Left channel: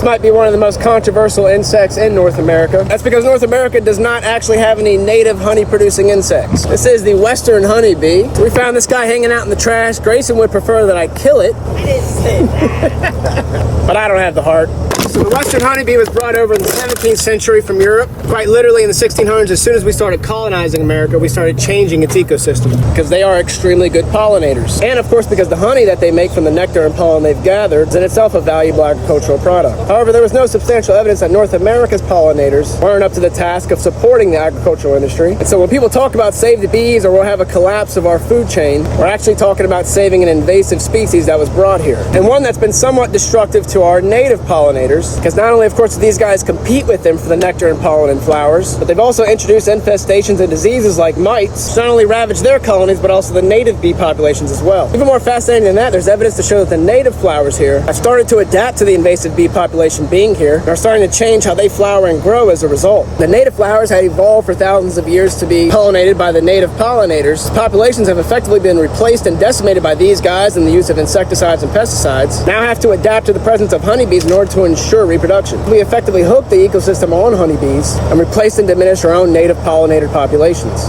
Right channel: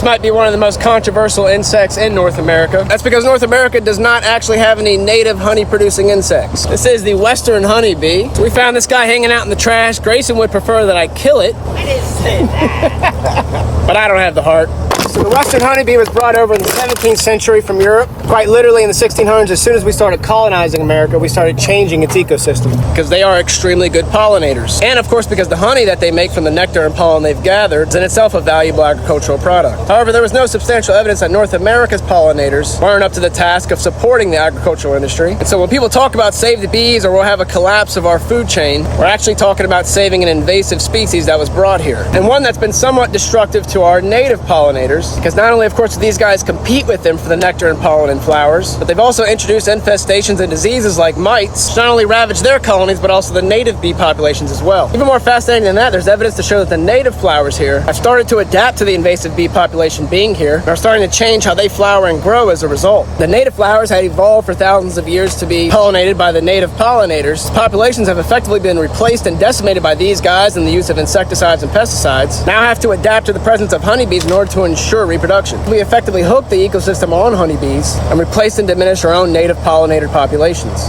This might be one of the most controversial insects in North America. That's because North America does not actually have any native honey-producing insects. This is the western honeybee. We found this guy hanging out in the trash. Grayson would prefer that I kill it. I didn't say that. But I don't have the heart. So the western honeybee was brought over in the 17th century from Europe. Quite literally in the 1600s, as soon as we started colonizing America, we started changing its ecosystem because they are extremely good pollinators. And of course, because the honey that they make from the nectar and pollen they've gathered is in itself a valuable agricultural product. However, there was no substantial evidence that North America's pollinators weren't up to the task of supporting the agricultural industry. And so when people talk about save the bees or we'll have a collapse of our food chain, we're actually talking about saving an invasive species that was brought here. And one that's been somewhat destructive to our native pollinators, because not only, of course, do these guys compete with them for the nectar and pollen and flowers, but they've also introduced infestations and diseases like mites, which not only ravage their colonies, but also the native bee populations as well. Even more fascinating than that, there's evidence to show that the native flowers here have started to adapt to the invasive bee population being here, and are starting to change how they flower and grow as a result. The native flowers had evolved for thousands of years to be pollinated by the native pollinators. Populations have effectively been replaced and decimated by these guys, and the use of insecticides and pesticides now have to adapt to the presence of honeybees in order to ensure reproduction. We effectively hook the ecosystem on honeybees and replace and diminish our own native pollinator populations.